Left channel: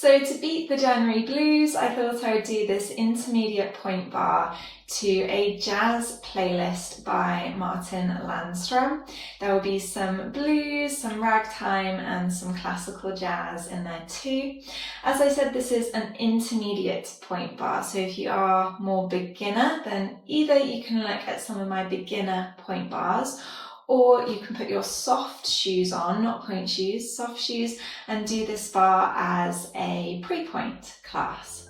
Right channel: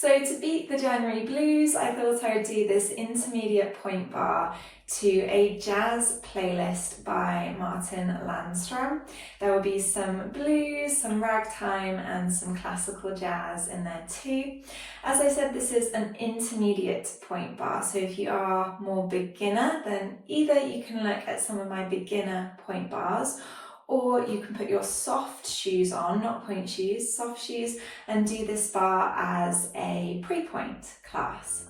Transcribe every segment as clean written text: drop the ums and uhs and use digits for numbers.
So to beat the January blues, I thought I would do this intermediate Pointe Barre to a jazz playlist by Martin Landstrom. There will be some blues, some ragtime and some classical jazz in there too. As I said, this is an intermediate Pointe Barre, so if you are more beginner, then either you can look at some of my beginner Pointe Barres, or you can put your soft shoes on, not point shoes, soft shoes, and do this bar as a pre-point class.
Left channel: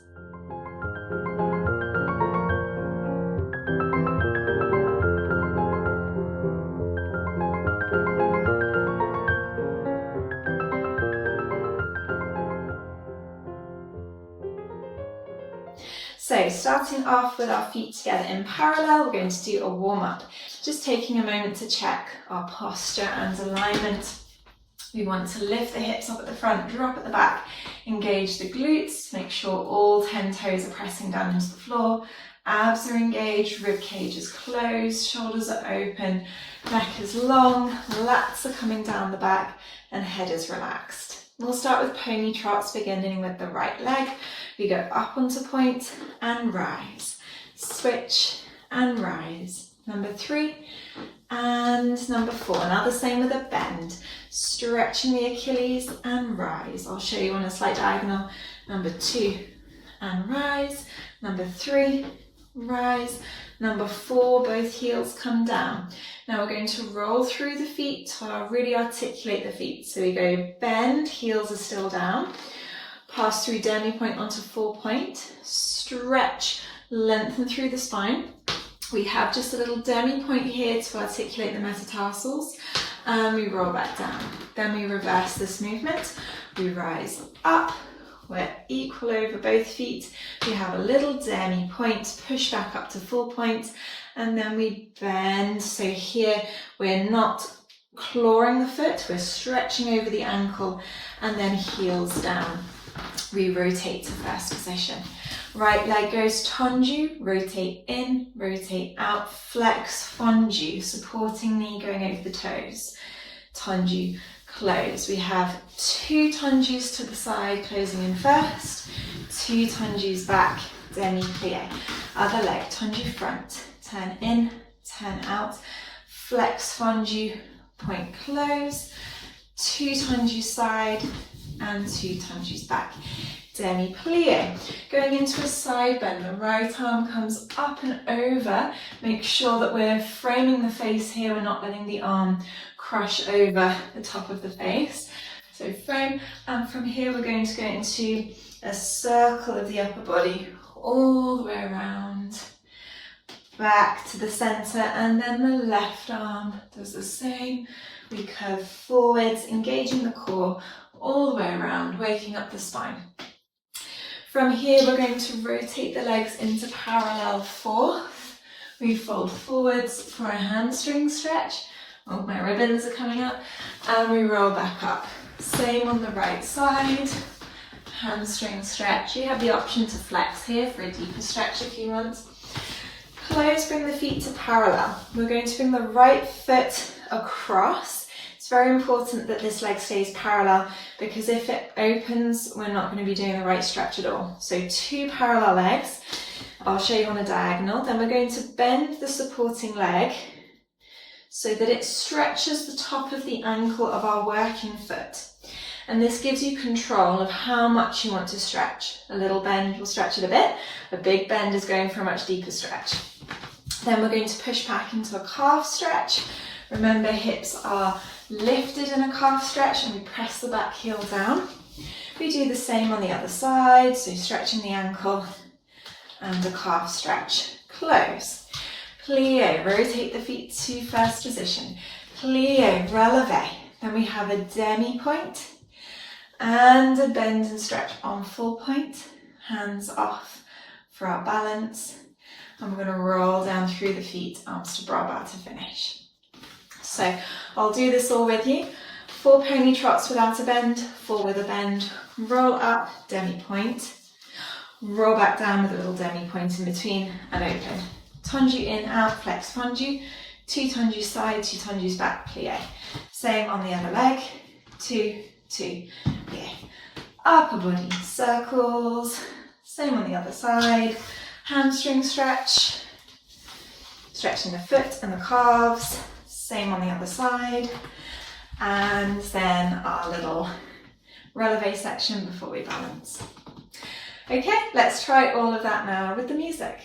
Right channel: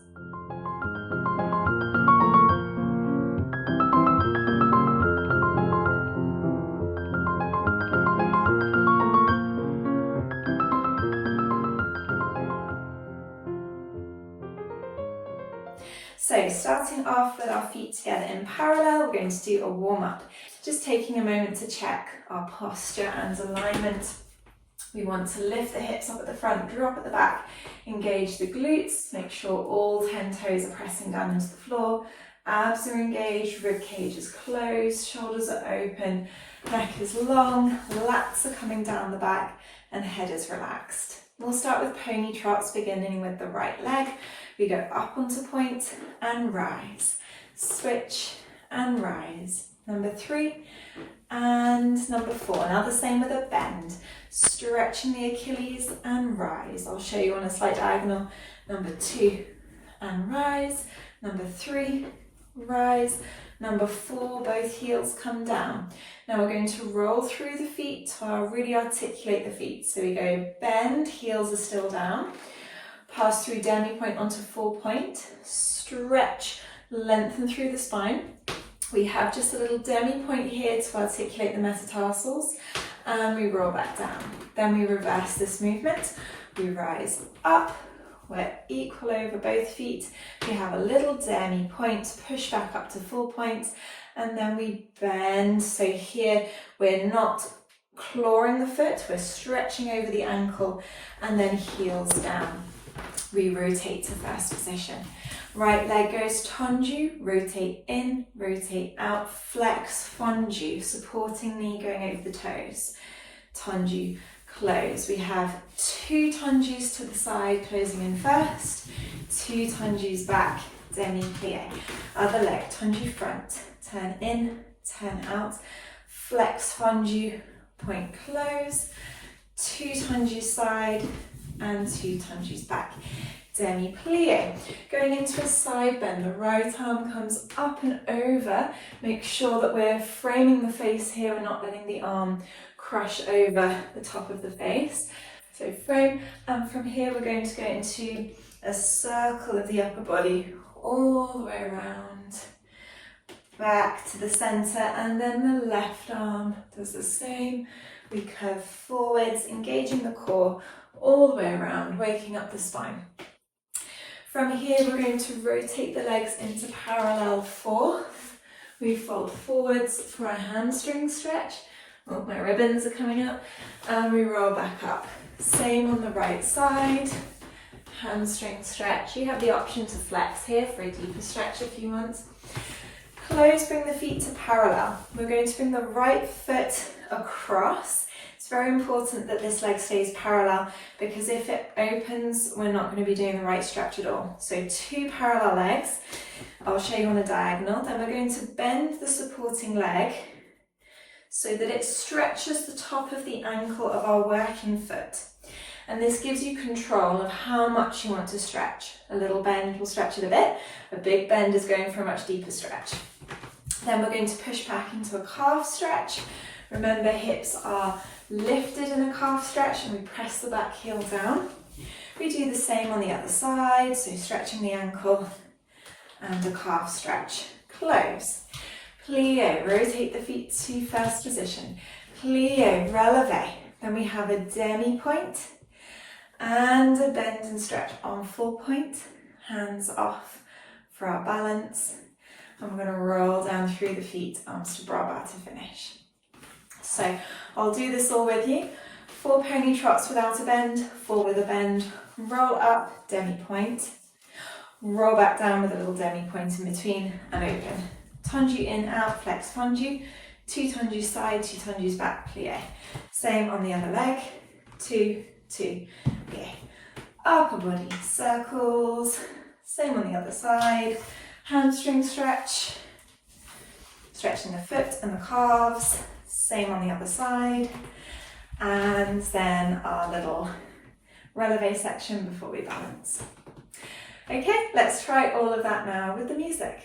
So starting off with our feet together in parallel, we're going to do a warm-up. Just taking a moment to check our posture and alignment. We want to lift the hips up at the front, drop at the back, engage the glutes, make sure all 10 toes are pressing down into the floor, abs are engaged, rib cage is closed, shoulders are open, neck is long, lats are coming down the back and head is relaxed. We'll start with pony trots, beginning with the right leg. We go up onto point and rise, switch and rise. Number 3 and number 4. Now the same with a bend, stretching the Achilles and rise. I'll show you on a slight diagonal. Number 2 and rise. Number 3, rise. Number 4, both heels come down. Now we're going to roll through the feet to really articulate the feet. So we go bend, heels are still down. Pass through demi-point onto full point. Stretch, lengthen through the spine. We have just a little demi-point here to articulate the metatarsals. And we roll back down. Then we reverse this movement. We rise up. We're equal over both feet. We have a little demi-point, push back up to full point, and then we bend. So here we're not clawing the foot, we're stretching over the ankle, and then heels down. We rotate to first position. Right leg goes tendu, rotate in, rotate out, flex, fondue, supporting knee going over the toes. Tendu, close. We have 2 tendus to the side, closing in first, 2 tendus back, demi-plie. Other leg, tendu front, turn in, turn out, flex, fondue, point close, 2 tendus side and 2 tendus back. Demi-plie. Going into a side bend, the right arm comes up and over. Make sure that we're framing the face here, we're not letting the arm crush over the top of the face. So frame, and from here we're going to go into a circle of the upper body all the way around, back to the center, and then the left arm does the same. We curve forwards, engaging the core all the way around, waking up the spine. From here, we're going to rotate the legs into parallel fourth. We fold forwards for a hamstring stretch. Oh, my ribbons are coming up. And we roll back up. Same on the right side. Hamstring stretch. You have the option to flex here for a deeper stretch if you want. Close, bring the feet to parallel. We're going to bring the right foot across. It's very important that this leg stays parallel, because if it opens, we're not going to be doing the right stretch at all. So 2 parallel legs. I'll show you on a diagonal. Then we're going to bend the supporting leg so that it stretches the top of the ankle of our working foot. And this gives you control of how much you want to stretch. A little bend will stretch it a bit. A big bend is going for a much deeper stretch. Then we're going to push back into a calf stretch. Remember, hips are lifted in a calf stretch and we press the back heel down. We do the same on the other side, so stretching the ankle and a calf stretch. Close. Plie, rotate the feet to first position. Plie, relevé. Then we have a demi-point and a bend and stretch on full point. Hands off for our balance. And we're going to roll down through the feet, arms to bras bas to finish. So I'll do this all with you. 4 pony trots without a bend, 4 with a bend. Roll up, demi-point. Roll back down with a little demi-point in between and open. Tendu in, out, flex, fondue. 2 tendus side, 2 tendus back, plie. Same on the other leg. 2, 2, plie. upper body circles, same on the other side, hamstring stretch, stretching the foot and the calves, same on the other side, and then our little relevé section before we balance. Okay, let's try all of that now with the music.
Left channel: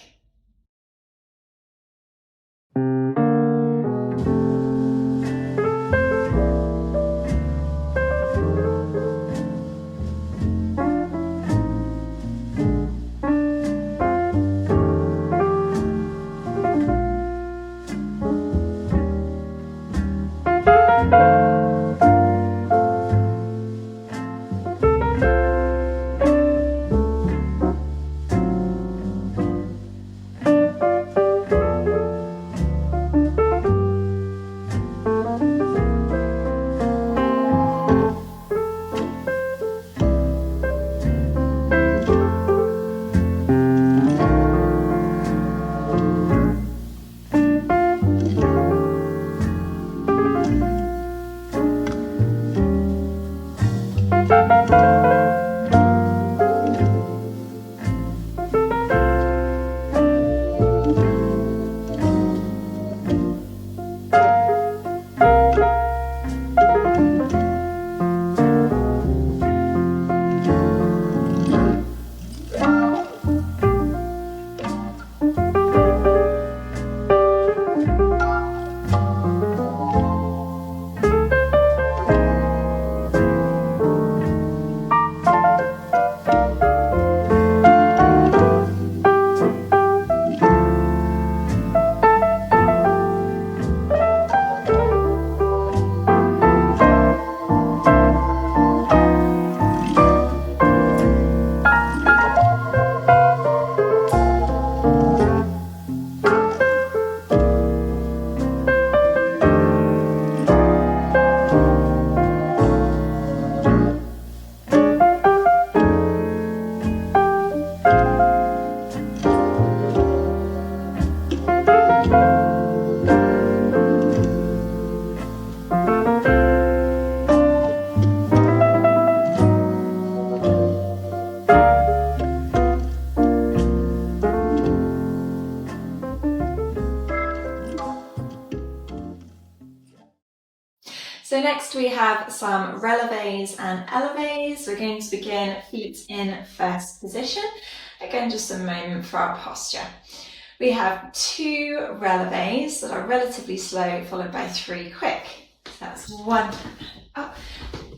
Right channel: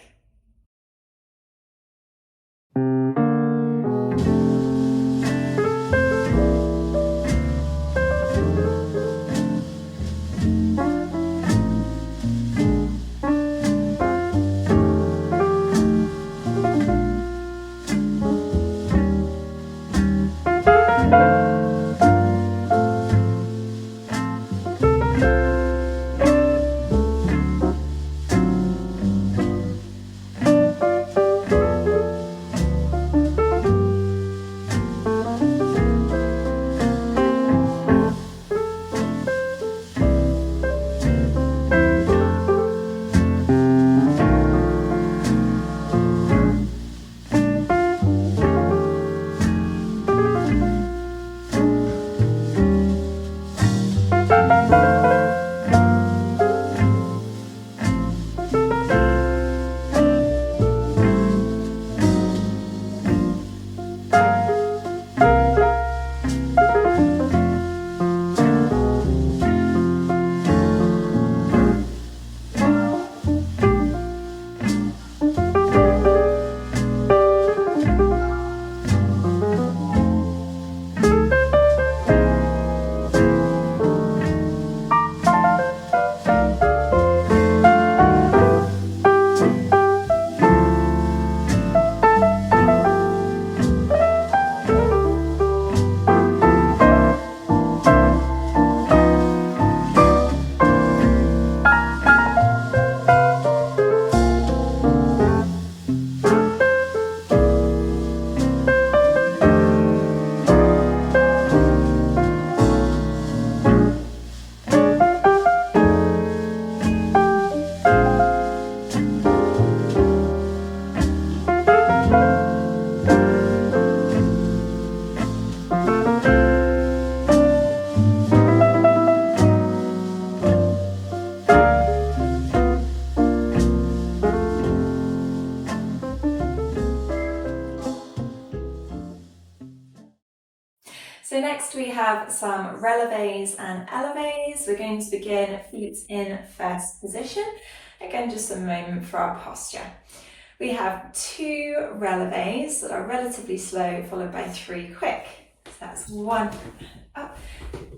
So next we have some relevés and elevés. We're going to begin feet in first position. Again, just a moment for our posture. We have 2 relevés that are relatively slow, followed by 3 quick. So that's 1, up,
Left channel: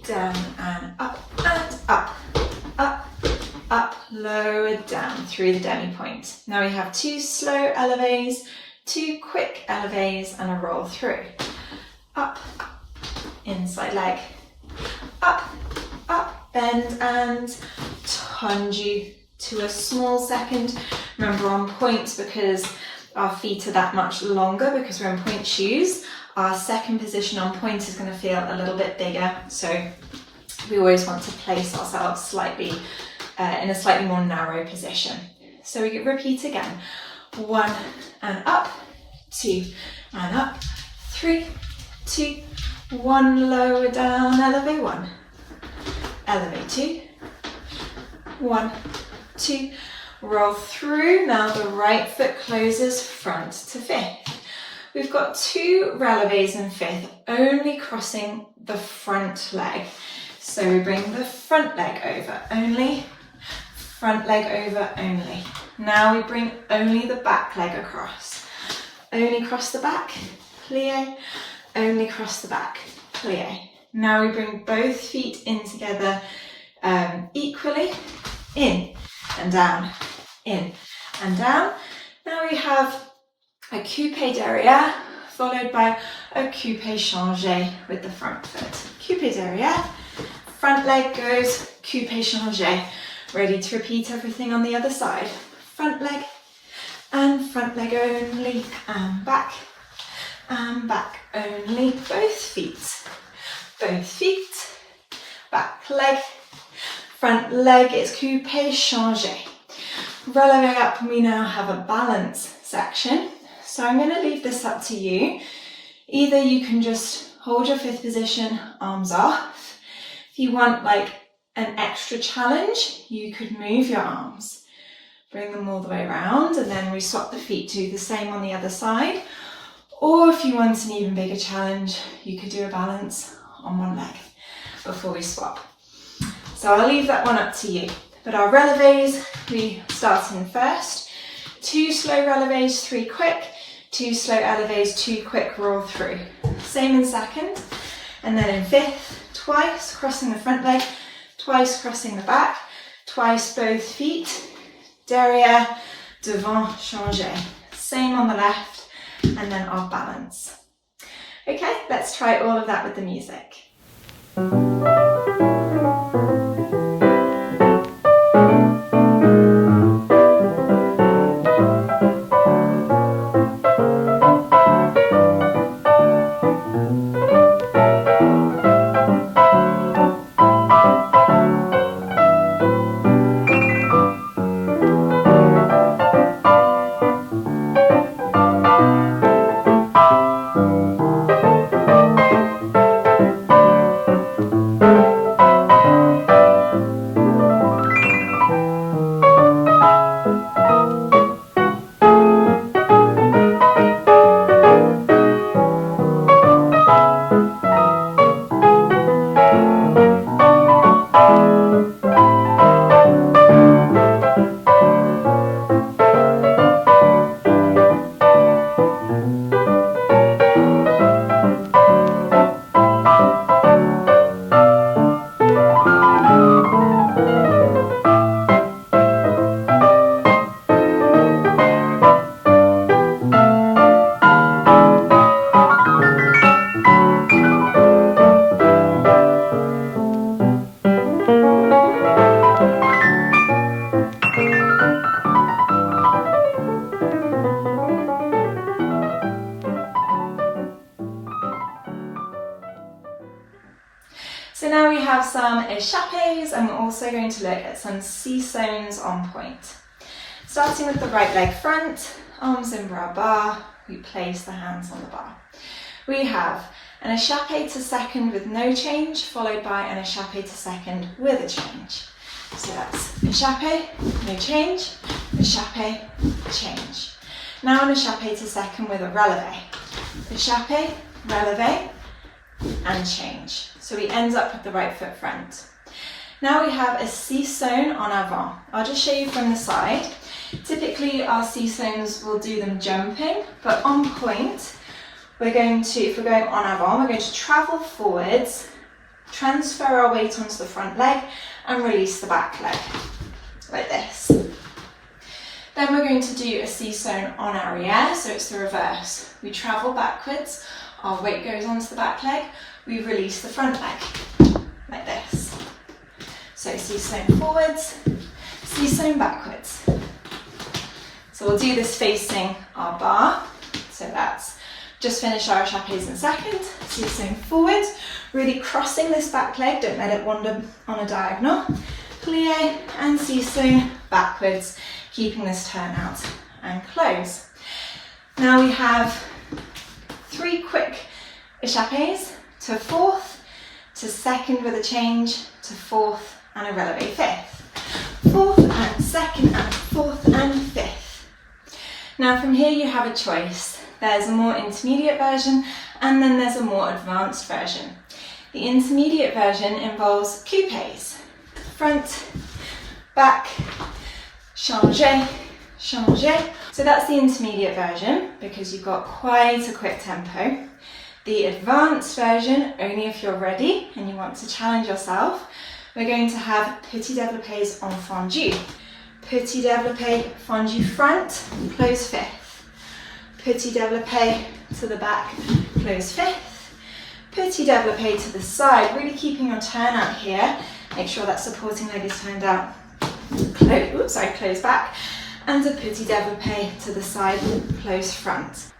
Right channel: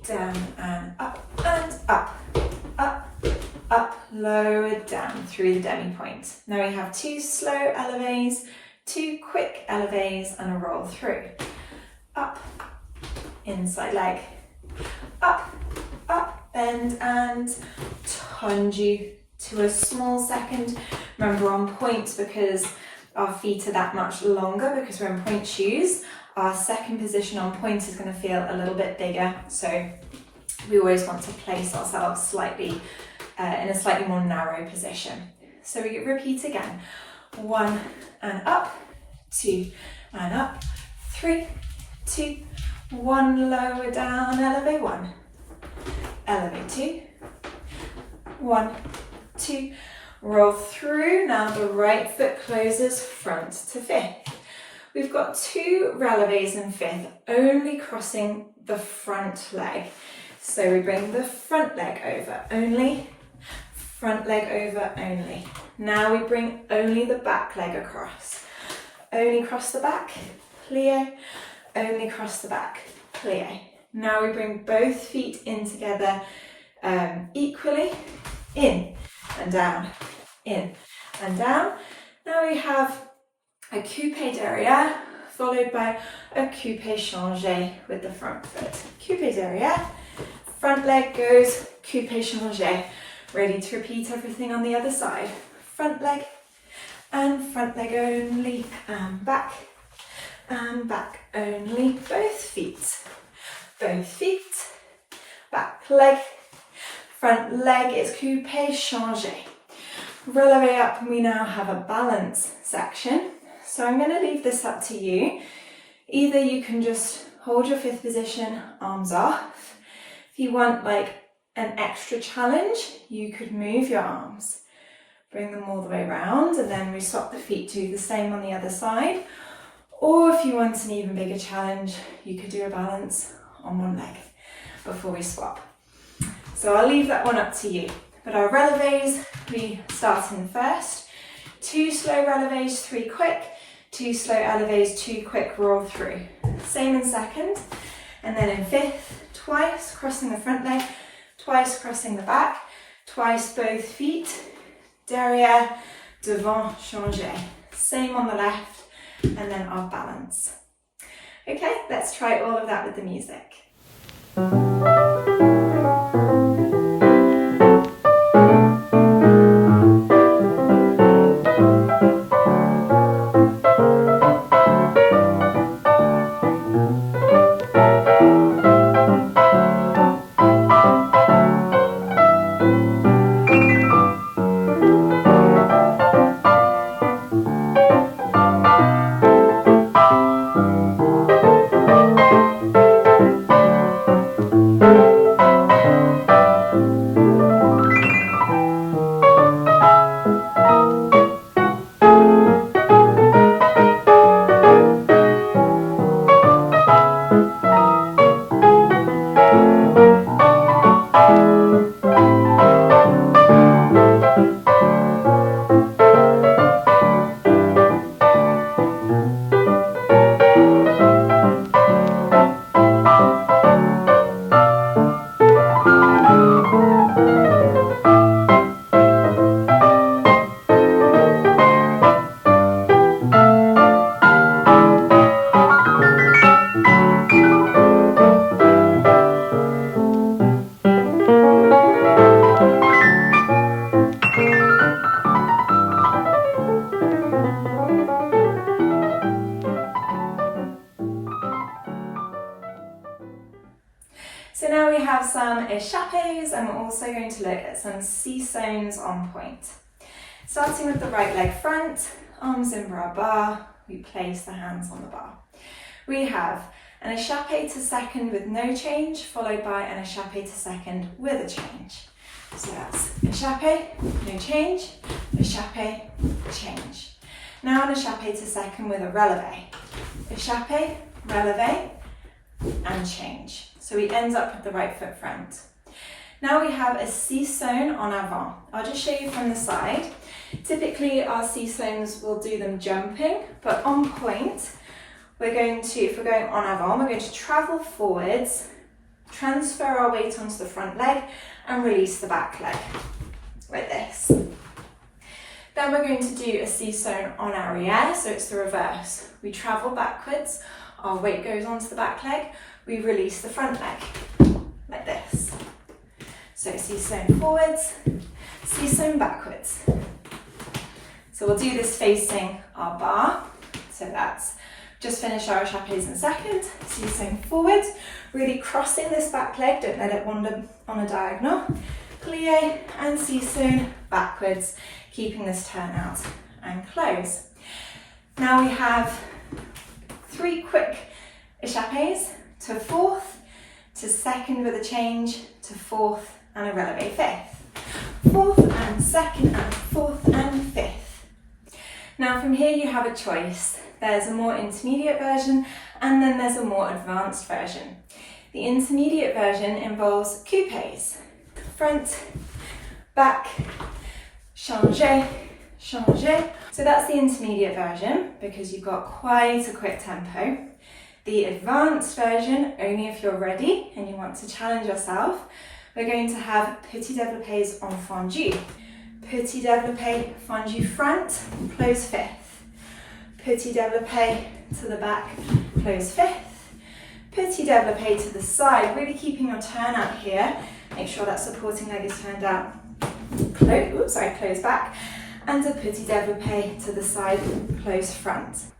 down and up, up, lower, down through the demi-point. Now we have 2 slow elevés, 2 quick elevés and a roll through. Up, inside leg, up, bend and tendu to a small second. Remember on pointe, because our feet are that much longer because we're in pointe shoes, our second position on pointe is going to feel a little bit bigger. So we always want to place ourselves slightly in a slightly more narrow position. So we repeat again. 1 and up, 2 and up, 3, 2, 1, lower down, elevate 1, elevate 2, 1, 2, roll through. Now the right foot closes front to fifth. We've got 2 relevés in fifth, only crossing the front leg. So we bring the front leg over only, front leg over only. Now we bring only the back leg across. Only cross the back, plie, only cross the back, plie. Now we bring both feet in together equally, in and down, in and down. Now we have a coupé derrière followed by a coupé changé with the front foot. Coupé derrière, front leg goes, coupé changé. Ready to repeat everything on the other side. Front leg and front leg only, and back only. Both feet, back leg, front leg is coupé changé. Relevé up, and we now have a balance section. So I'm going to leave this up to you. Either you can just hold your fifth position, arms off. If you want like an extra challenge, you could move your arms, bring them all the way around, and then we swap the feet, do the same on the other side. Or if you want an even bigger challenge, you could do a balance on one leg before we swap. So I'll leave that one up to you. But our relevés, we start in first. 2 slow relevés, 3 quick. 2 slow elevés, 2 quick roll through. Same in second. And then in fifth, twice crossing the front leg, twice crossing the back, twice both feet. Derrière, devant, changer. Same on the left, and then our balance. Okay, let's try all of that with the music. So now we have some échappés, and we're also going to look at some sissonnes on pointe. Starting with the right leg front, arms in bras bar, we place the hands on the bar. We have an échappé to second with no change, followed by an échappé to second with a change. So that's échappé, no change, échappé, change. Now an échappé to second with a relevé. Échappé, relevé, and change. So we end up with the right foot front. Now we have a sissonne en avant. I'll just show you from the side. Typically our sissonnes will do them jumping, but on pointe, we're going to, if we're going en avant, we're going to travel forwards, transfer our weight onto the front leg, and release the back leg, like this. Then we're going to do a sissonne en arrière, so it's the reverse. We travel backwards, our weight goes onto the back leg, we release the front leg, like this. So sissonne forwards, sissonne backwards. So we'll do this facing our bar. So that's just finish our échappés in second, sissonne forwards, really crossing this back leg, don't let it wander on a diagonal. Plie and sissonne backwards, keeping this turn out and close. Now we have 3 quick échappés to fourth, to second with a change, to fourth and a relevé fifth. Fourth and second and fourth and fifth. Now from here you have a choice. There's a more intermediate version and then there's a more advanced version. The intermediate version involves coupés. Front, back, changer, changer. So that's the intermediate version because you've got quite a quick tempo. The advanced version, only if you're ready and you want to challenge yourself, we're going to have petit développés en fondus. Petit développé fondu front, close fifth. Petit développé to the back, close fifth. Petit développé to the side, really keeping your turn out here. Make sure that supporting leg is turned out. Close back. And a petit développé to the side, close front.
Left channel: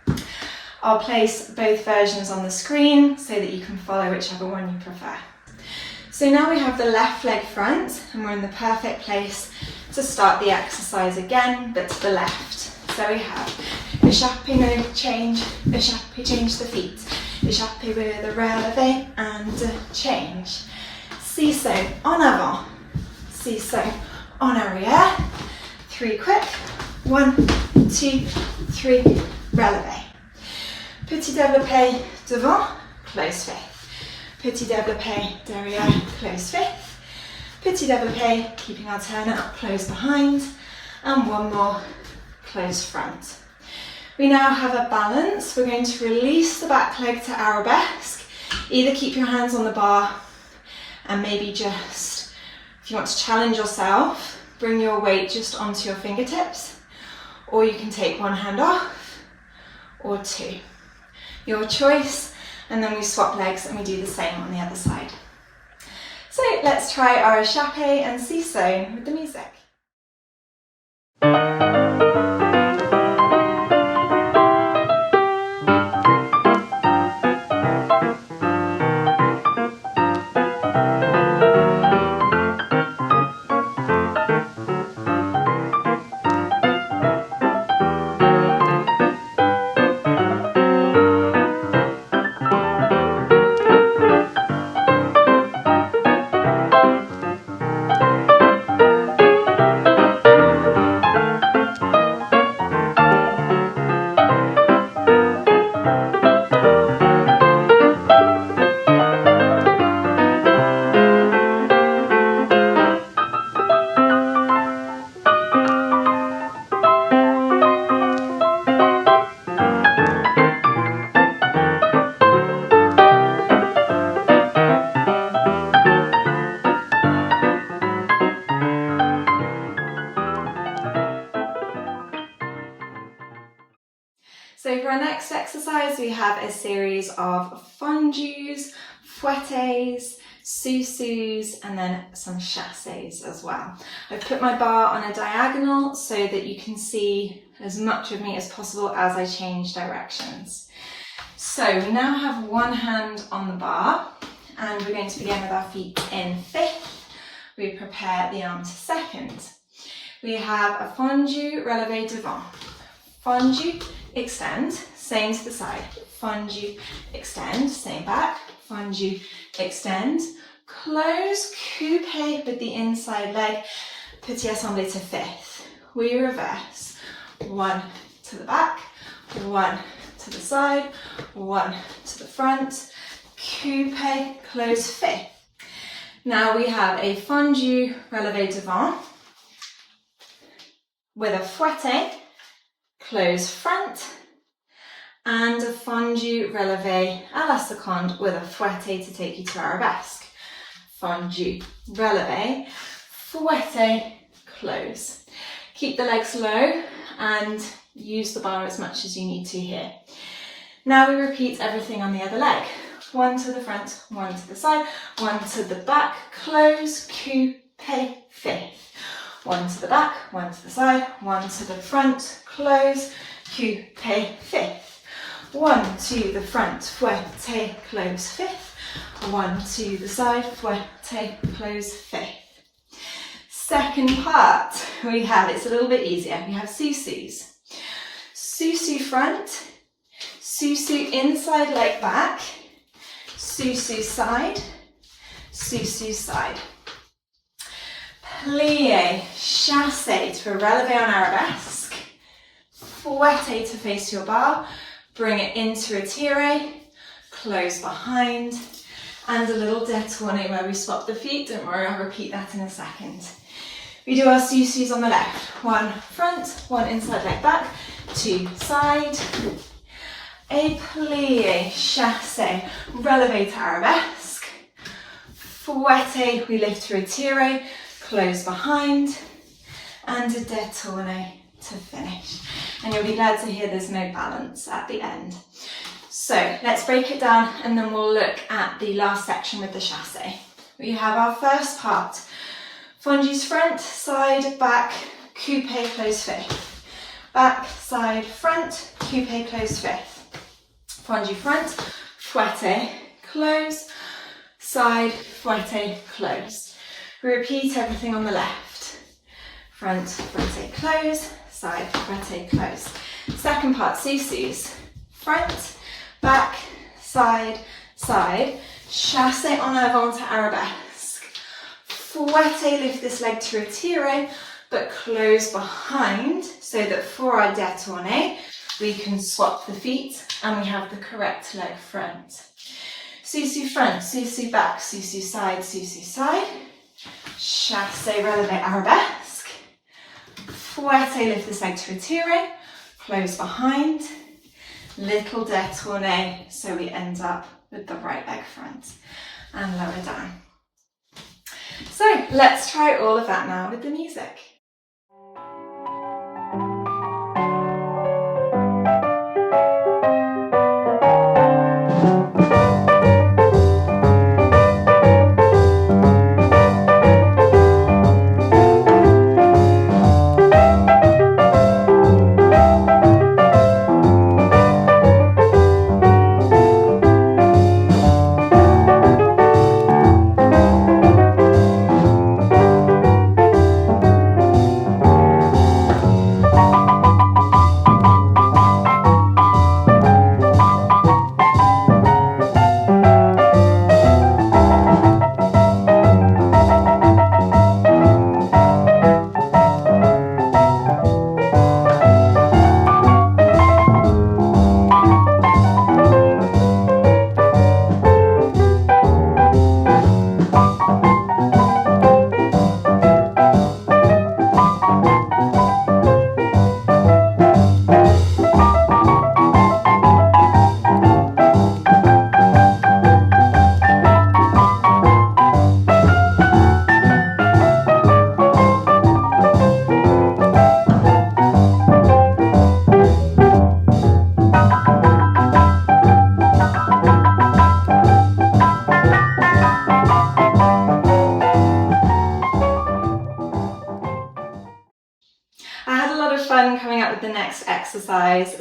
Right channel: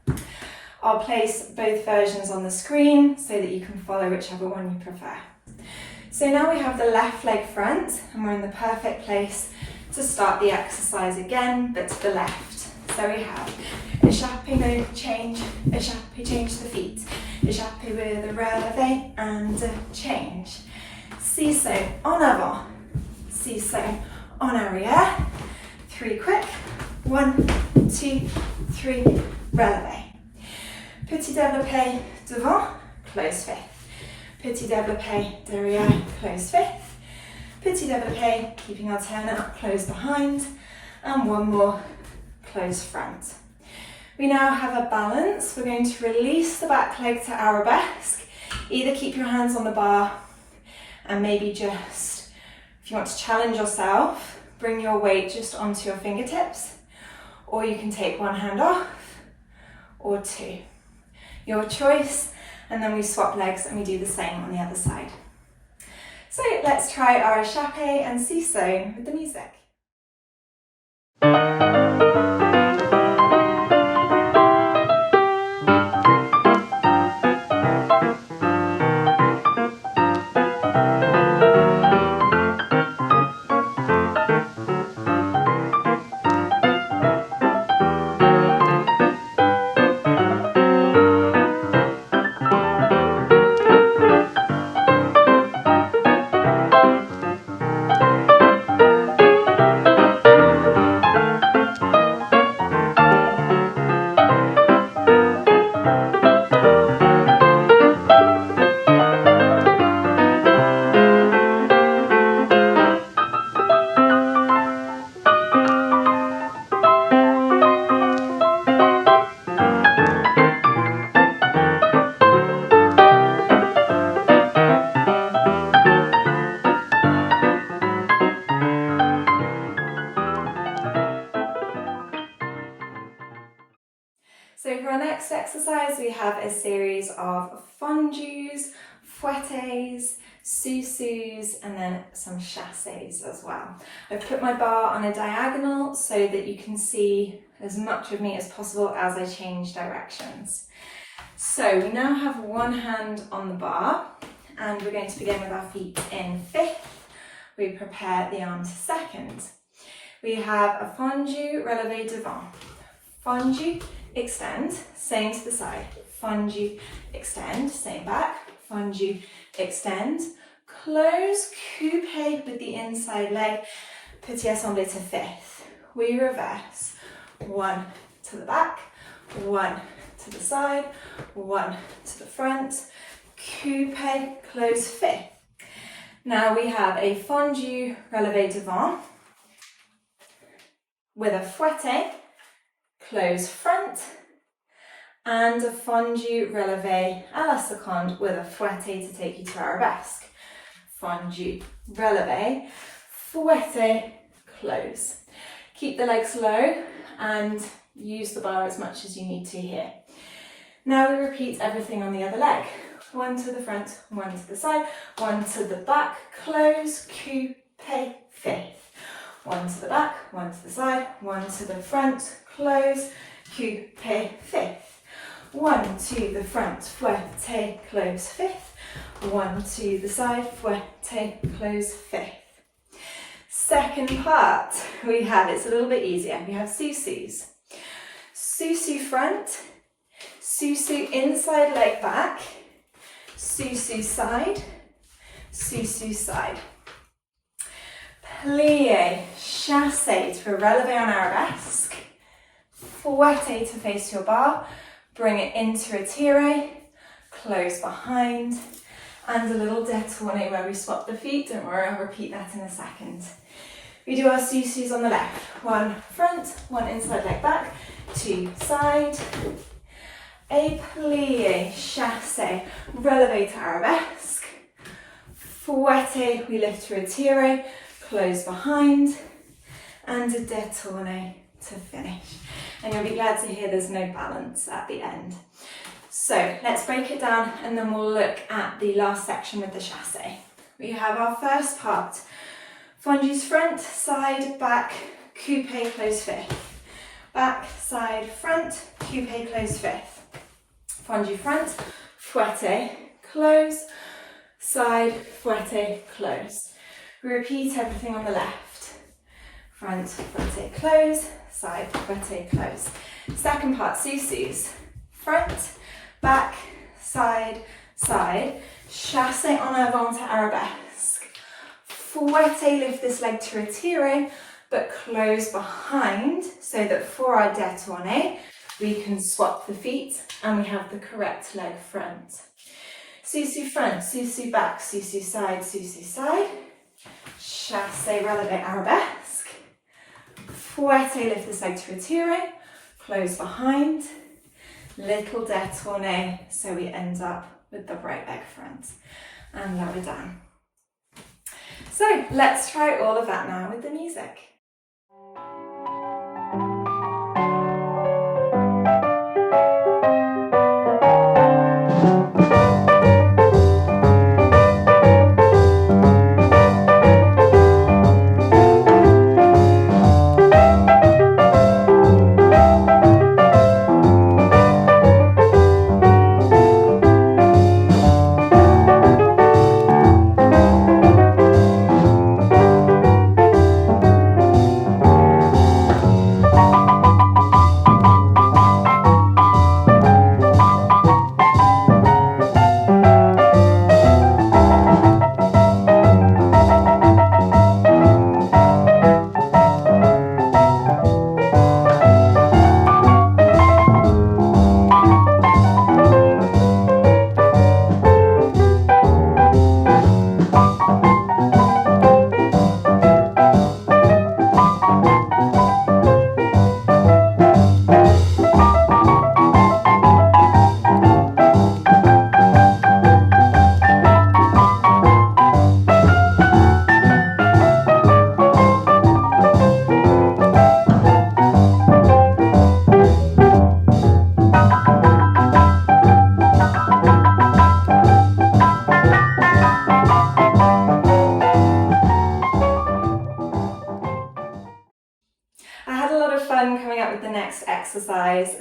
I'll place both versions on the screen so that you can follow whichever one you prefer. So now we have the left leg front and we're in the perfect place to start the exercise again, but to the left. So we have échappé, no change, échappé, change the feet. Échappé with a relevé and a change. Sissonne en avant, sissonne en arrière. 3 quick. 1, 2, 3, relevé. Petit développé devant, close fifth. Petit développé derrière, close fifth. Petit développé, keeping our turn up, close behind. And one more, close front. We now have a balance. We're going to release the back leg to arabesque. Either keep your hands on the bar and maybe just, if you want to challenge yourself, bring your weight just onto your fingertips, or you can take one hand off, or 2. Your choice, and then we swap legs and we do the same on the other side. So let's try our échappés and sissonnes with the music. So for our next exercise, we have a series of fondus, fouettés, sous-sous, and then some chassés as well. I've put my bar on a diagonal so that you can see as much of me as possible as I change directions. So we now have one hand on the bar, and we're going to begin with our feet in fifth. We prepare the arm to second. We have a fondu, relevé devant. Fondu, extend, same to the side. Fondu, extend, same back. Fondu, extend. Close, coupé with the inside leg. Petit assemblé to fifth. We reverse. 1 to the back, 1 to the side, 1 to the front. Coupé, close fifth. Now we have a fondu, relevé devant with a fouetté, close front, and a fondu relevé à la seconde with a fouetté to take you to arabesque. Fondu, relevé, fouetté, close. Keep the legs low and use the bar as much as you need to here. Now we repeat everything on the other leg. 1 to the front, 1 to the side, 1 to the back, close, coupé, fifth. 1 to the back, 1 to the side, 1 to the front, close, coupé, fifth. 1 to the front, fouetté, close, fifth. 1 to the side, fouetté, close, fifth. Second part, we have, it's a little bit easier, we have sous-sus. Sous-sus front, sous-sus inside leg back, sous-sus side, sous-sus side. Plié, chassé to a relevé en arabesque, fouetté to face your bar, bring it into a tiré, close behind, and a little détourné where we swap the feet. Don't worry, I'll repeat that in a second. We do our sous-sus on the left. 1 front, 1 inside leg back, 2 side. A plié, chassé, relevé to arabesque, fouetté, we lift through a tiré, close behind, and a détourné to finish. And you'll be glad to hear there's no balance at the end. So let's break it down and then we'll look at the last section with the chassé. We have our first part. Fondus front, side, back, coupé, close fifth. Back, side, front, coupé, close fifth. Fondu front, fouetté, close, side, fouetté, close. We repeat everything on the left. Front, fouetté, close, side, fouetté, close. Second part, sous-sus. Front, back, side, side. Chassé en avant to arabesque. fouetté, lift this leg to retiro, but close behind so that for our détourné, we can swap the feet and we have the correct leg front. Sous front, sous back, sous side, chassés, relevé, arabesque. Fouetté, lift this leg to retiro, close behind, little détourné, so we end up with the right leg front, and lower down. So let's try all of that now with the music.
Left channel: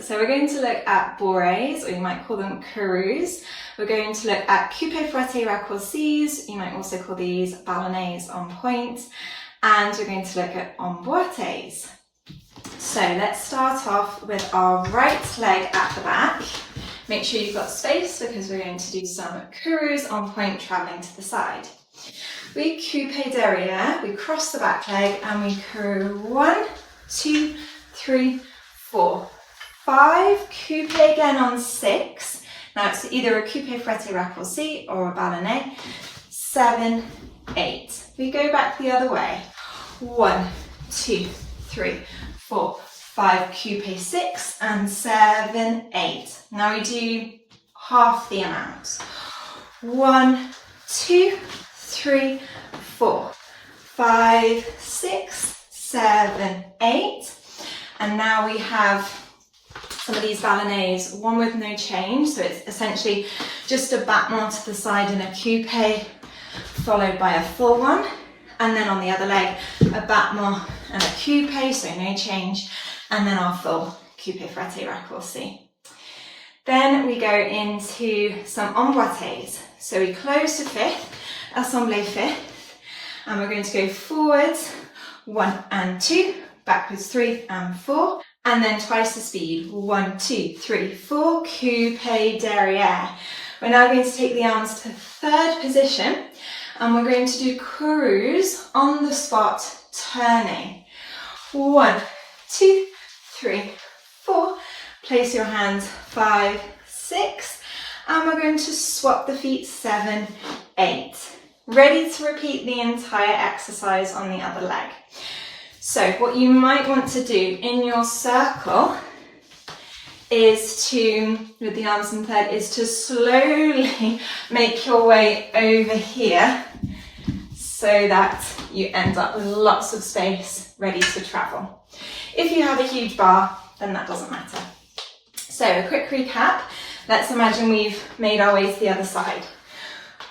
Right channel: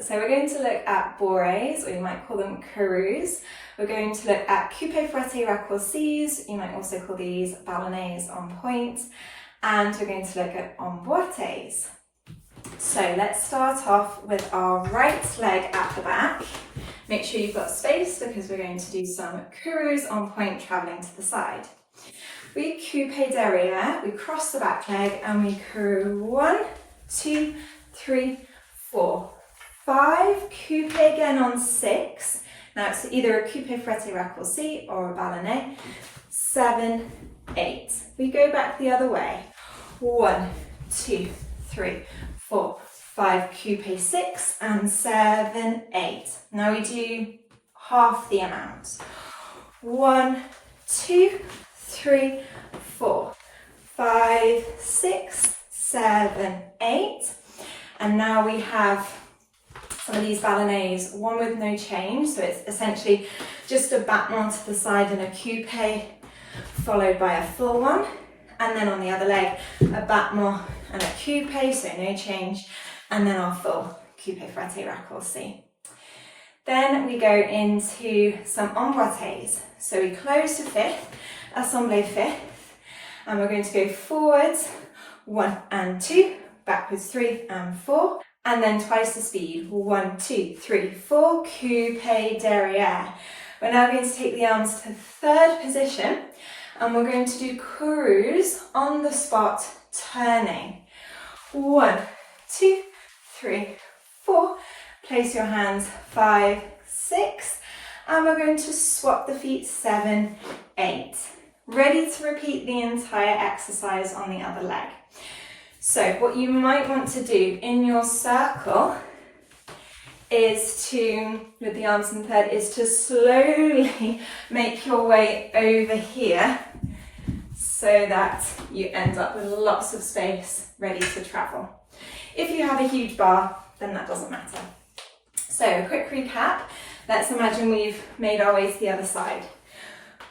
So we're going to look at bourrées, or you might call them courroux. We're going to look at coupé, fouetté, raccourcis. You might also call these ballets en pointe. And we're going to look at emboîtés. So let's start off with our right leg at the back. Make sure you've got space because we're going to do some courroux en pointe traveling to the side. We coupé derrière, we cross the back leg and we courroux 1, 2, 3, 4, 5, coupé again on 6. Now it's either a coupé, fouetté, raccourci or a ballet. 7, 8. We go back the other way. 1, 2, 3, 4, 5, coupé 6 and 7, 8. Now we do half the amount. 1, 2, 3, 4, 5, 6, 7, 8. And now we have some of these ballets, one with no change. So it's essentially just a battement to the side and a coupé, followed by a full one. And then on the other leg, a battement and a coupé, so no change. And then our full coupé, fouetté, raccourci. Then we go into some emboîtés. So we close to fifth, assemblé fifth, and we're going to go forwards, 1 and 2, backwards 3 and 4, and then twice the speed, 1, 2, 3, 4, coupé derrière. We're now going to take the arms to third position, and we're going to do courroux on the spot, turning. 1, 2, 3, 4, place your hands 5, 6, and we're going to swap the feet 7, 8. Ready to repeat the entire exercise on the other leg. So what you might want to do in your circle is to, with the arms in third, is to slowly make your way over here so that you end up with lots of space ready to travel. If you have a huge bar, then that doesn't matter. So a quick recap. Let's imagine we've made our way to the other side.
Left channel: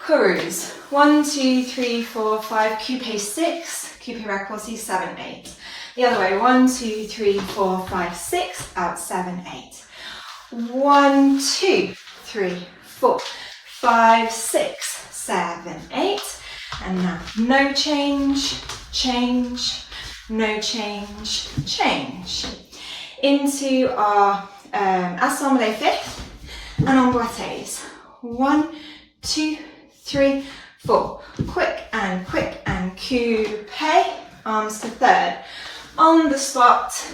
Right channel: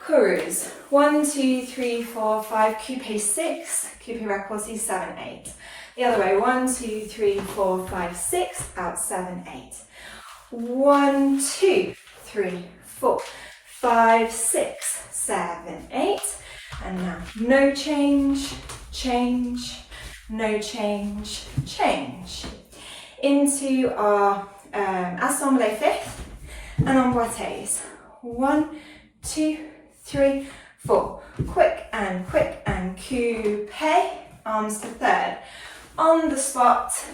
Courroux, 1, 2, 3, 4, 5, coupé 6, coupé raccourci 7, 8. The other way, 1, 2, 3, 4, 5, 6, out 7, 8. 1, 2, 3, 4, 5, 6, 7, 8. And now no change, change, no change, change. Into our assemblé fifth and emboîtés. 1, 2, 3, 4, quick and coupé, arms to third, on the spot,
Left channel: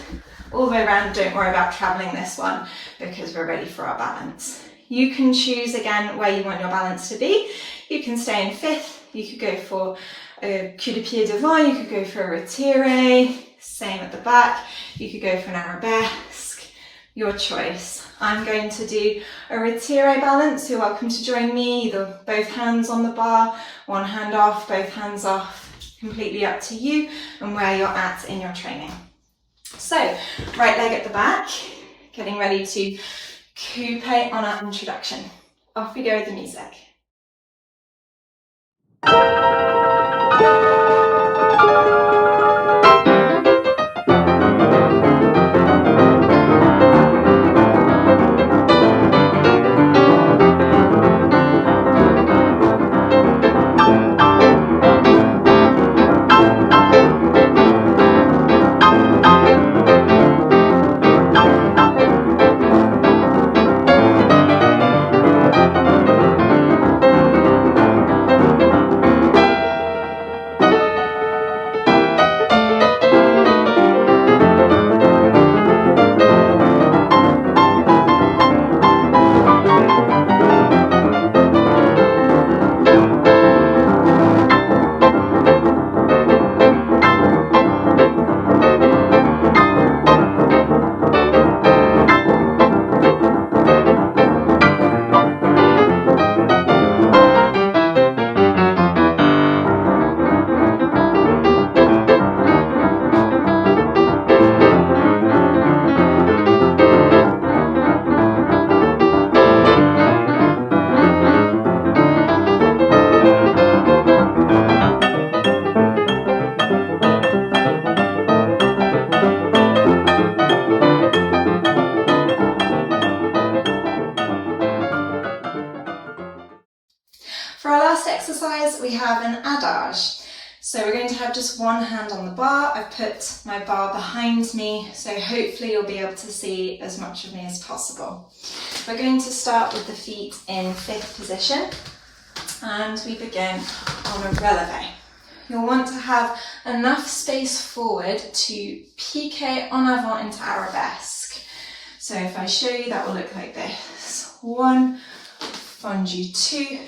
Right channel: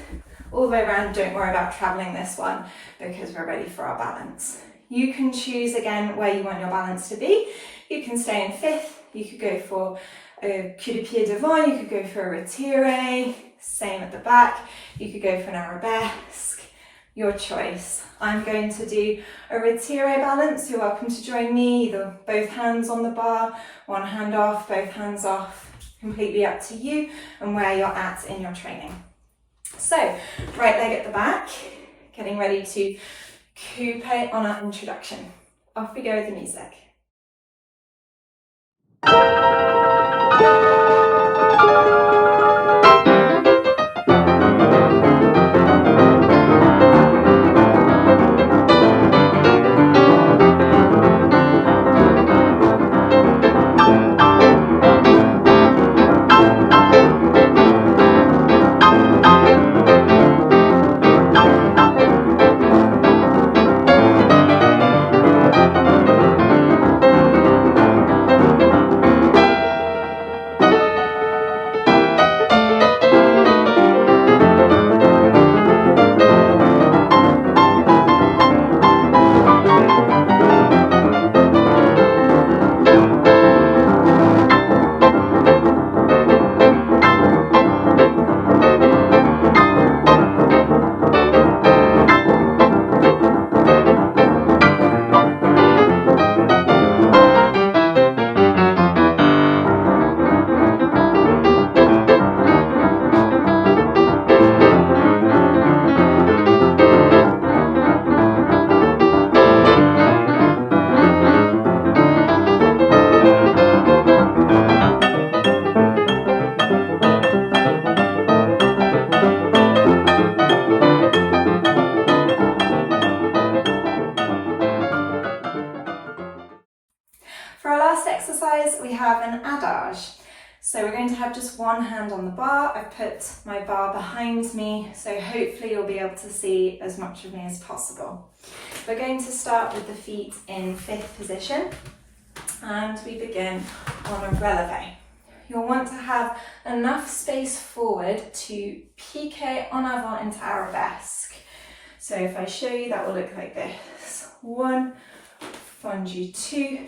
all the way around. Don't worry about traveling this one because we're ready for our balance. You can choose again where you want your balance to be. You can stay in fifth, you could go for a cul de pied devant, you could go for a retiré, same at the back, you could go for an arabesque, your choice. I'm going to do a retiré balance. You're welcome to join me, either both hands on the bar, one hand off, both hands off, completely up to you and where you're at in your training. So, right leg at the back, getting ready to coupé on our introduction. Off we go with the music. We have an adage. So we're going to have just one hand on the bar. I've put my bar behind me, so hopefully you'll be able to see as much of me as possible. We're going to start with the feet in fifth position, and we begin on a relevé. You'll want to have enough space forward to piqué en avant into arabesque. So if I show you, that will look like this. 1, fondus 2,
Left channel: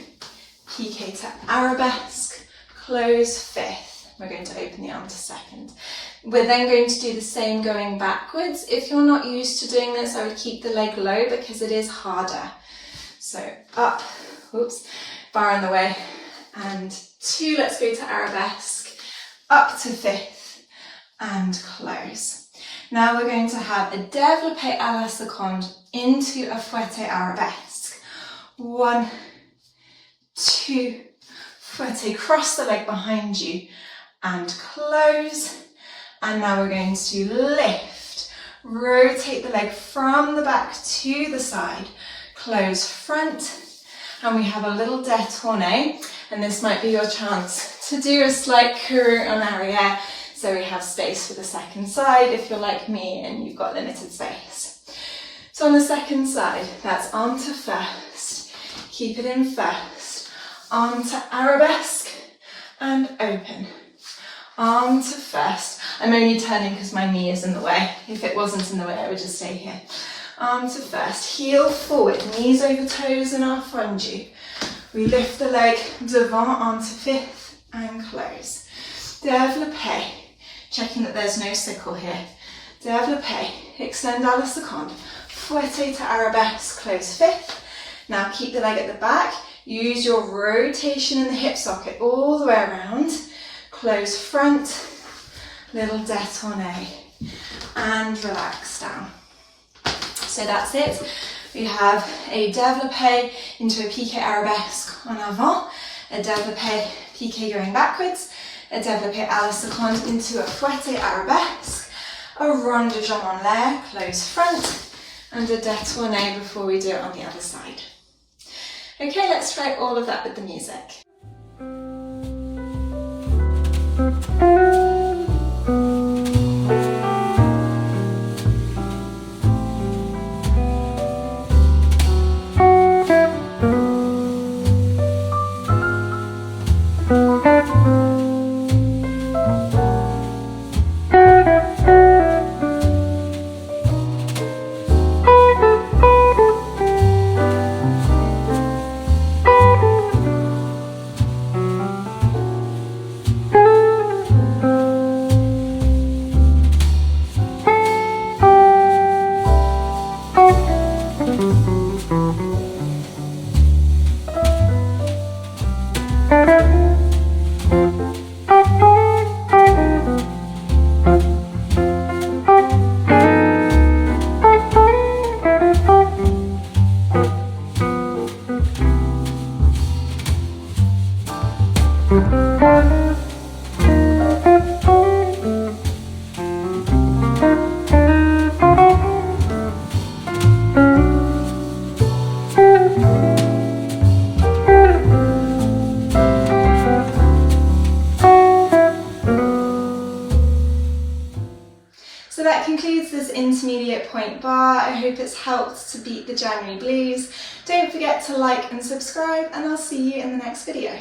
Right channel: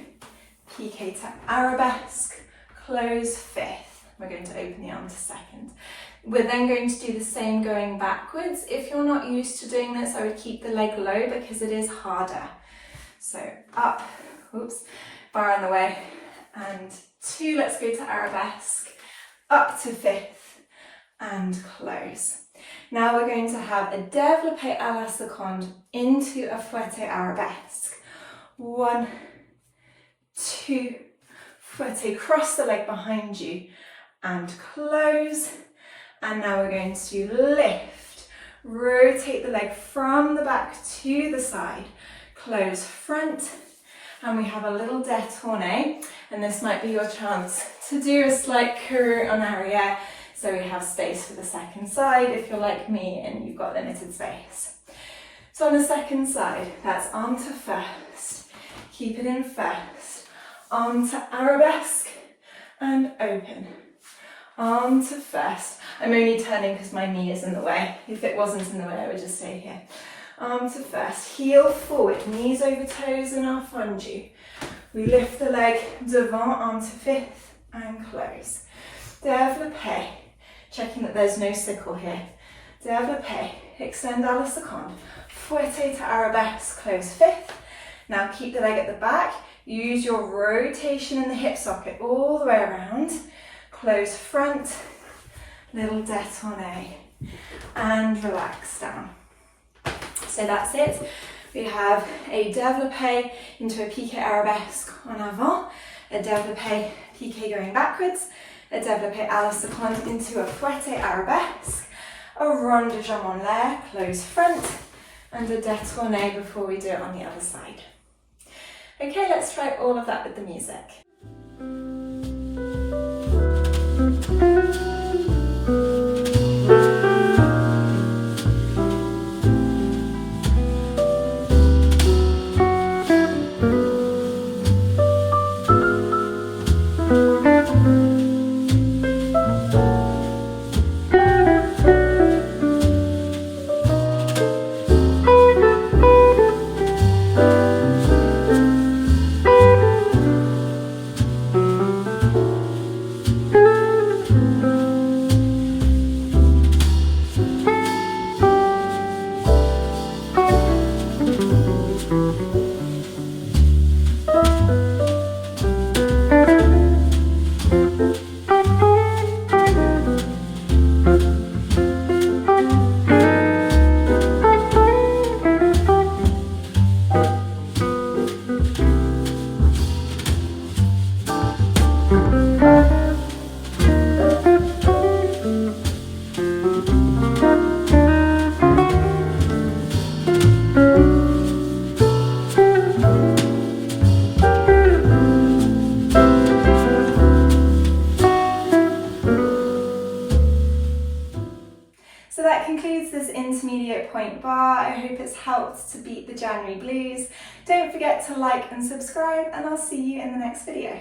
piqué to arabesque, close fifth. We're going to open the arm to second. We're then going to do the same going backwards. If you're not used to doing this, I would keep the leg low because it is harder. So up, oops, bar on the way, and 2, let's go to arabesque, up to fifth, and close. Now we're going to have a développé à la seconde into a fouetté arabesque. 1, 2, fouetté, cross the leg behind you and close. And now we're going to lift, rotate the leg from the back to the side, close front, and we have a little détourné, and this might be your chance to do a slight courroux en arrière, so we have space for the second side if you're like me and you've got limited space. So on the second side, that's arm to first, keep it in first, arm to arabesque and open, arm to first. I'm only turning because my knee is in the way. If it wasn't in the way, I would just stay here. Arm to first, heel forward, knees over toes in our fondue. We lift the leg devant, arm to fifth and close. Développé, checking that there's no sickle here. Développé, extend à la seconde, fouetté to arabesque, close fifth. Now keep the leg at the back, use your rotation in the hip socket all the way around, close front, little détourné, and relax down. So that's it. We have a développé into a piqué arabesque en avant, a développé piqué going backwards, a développé à la seconde into a fouetté arabesque, a rond de jambe en l'air, close front, and a détourné before we do it on the other side. Okay, let's try all of that with the music. So that concludes this intermediate Pointe Barre. I hope it's helped to beat the January blues. Don't forget to like and subscribe, and I'll see you in the next video.